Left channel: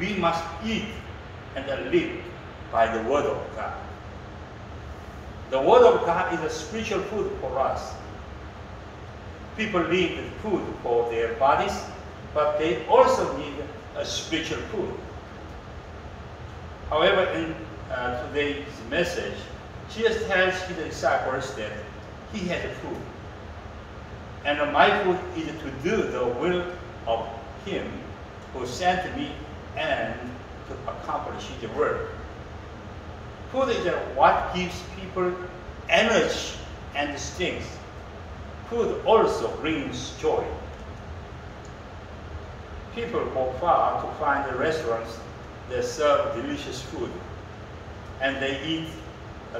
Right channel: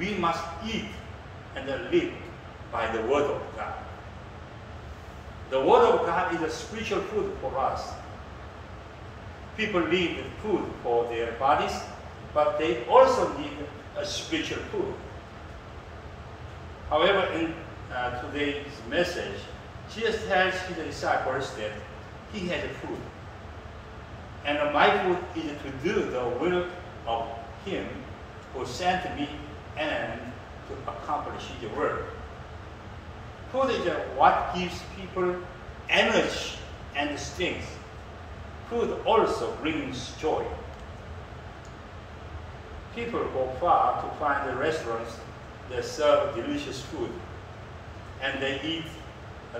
we must eat and live by the Word of God. The Word of God is a spiritual food for us. People need food for their bodies, but they also need a spiritual food. However, in today's message, Jesus tells his disciples that he has food. And my food is to do the will of him who sent me and to accomplish his work. Food is what gives people energy and strength. Food also brings joy. People go far to find the restaurants that serve delicious food, and they eat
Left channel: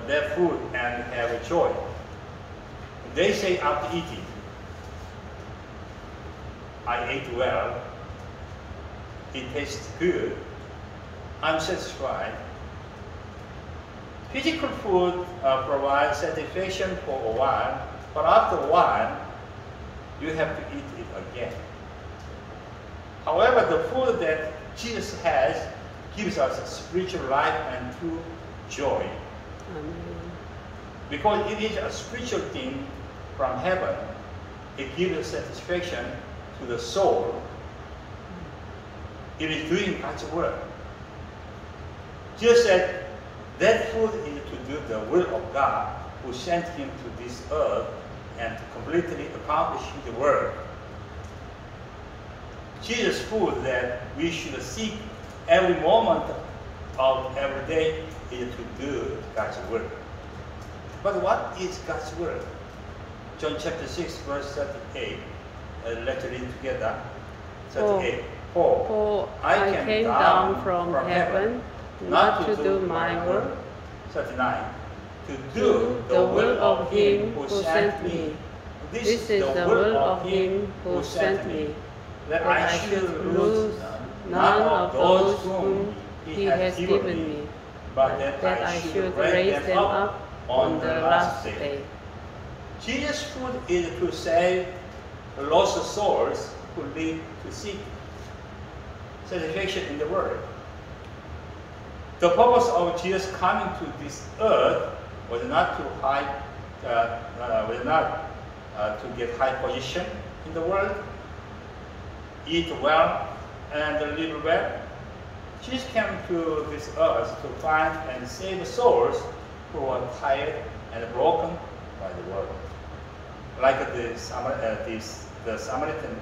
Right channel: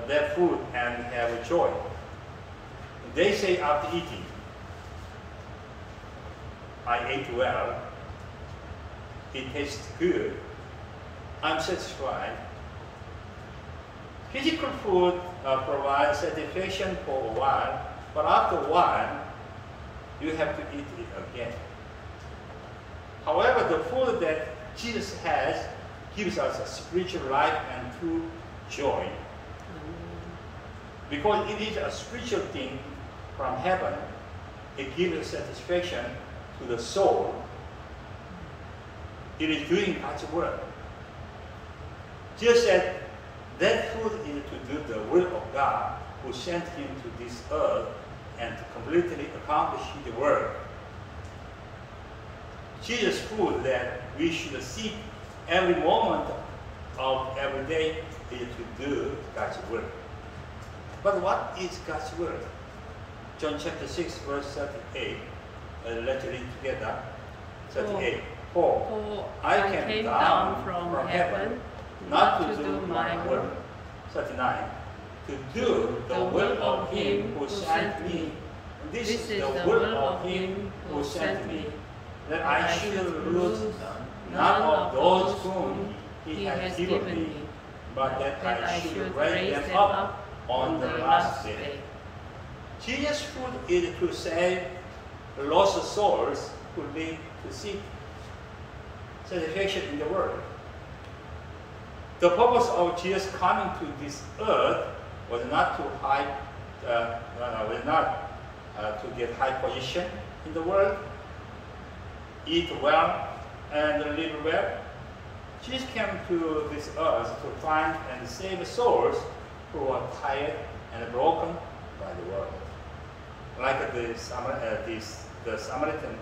their food and have joy. They say after eating, I ate well, it tastes good, I'm satisfied. Physical food provides satisfaction for a while, but after a while, you have to eat it again. However, the food that Jesus has gives us a spiritual life and true joy. Because it is a spiritual thing from heaven, it gives satisfaction to the soul. It is doing God's work. Jesus said that food is to do the will of God who sent him to this earth and to completely accomplish his work. Jesus' food that we should seek every moment of every day is to do God's work. But what is God's work? John chapter 6, verse 38. Let's read together. 38. For I came down from heaven not to do my work. 39. To do the will of him who sent me. This is the will of him who sent me, that I should lose none of those whom he has given me, but that I should raise them up on the last day. Jesus' food is to save lost souls who need to seek satisfaction in the world. The purpose of Jesus coming to this earth was not to to get high position in the world, eat well, and live well. Jesus came to this earth to find and save souls who are tired and broken by the world. Like the Samaritan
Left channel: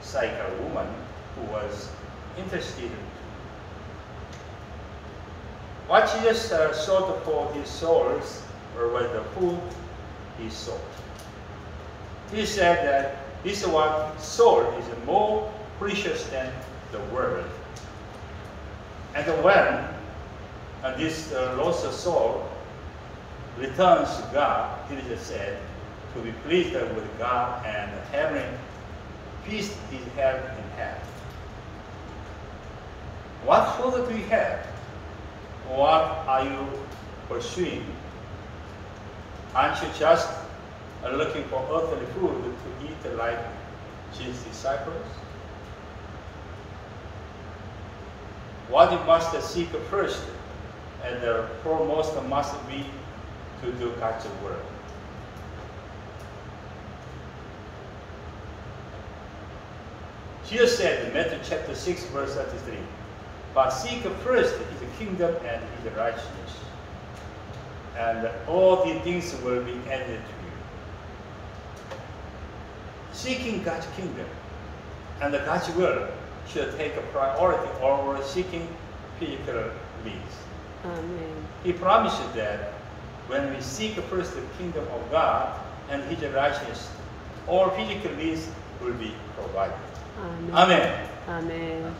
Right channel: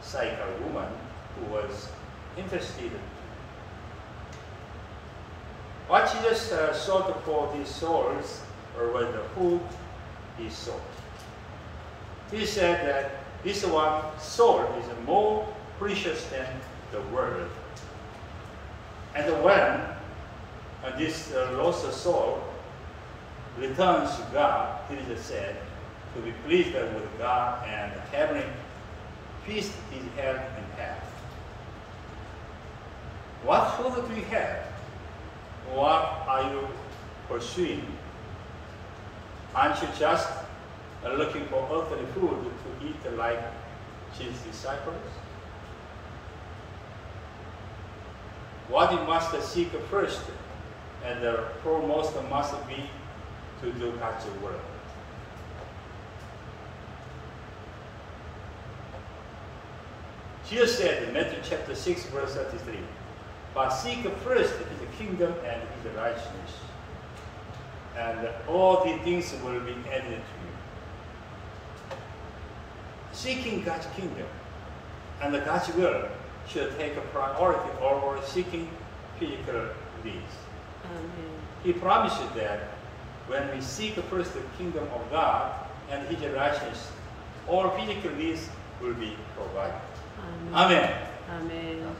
psychic woman who was interested. What Jesus sought for these souls was the food he sought. He said that this one soul is more precious than the world. And when this lost soul returns to God, it is said, to be pleased with God, and heavenly feast is held in heaven. What food do you have? What are you pursuing? Aren't you just looking for earthly food to eat like Jesus' disciples? What you must seek first and the foremost must be to do God's work. Jesus said in Matthew chapter 6, verse 33, but seek first his kingdom and his righteousness, and all these things will be added to you. Seeking God's kingdom and God's will should take a priority over seeking physical needs. Amen. He promised that when we seek first the kingdom of God and his righteousness, all physical needs will be provided. Amen. Amen. Amen. Amen.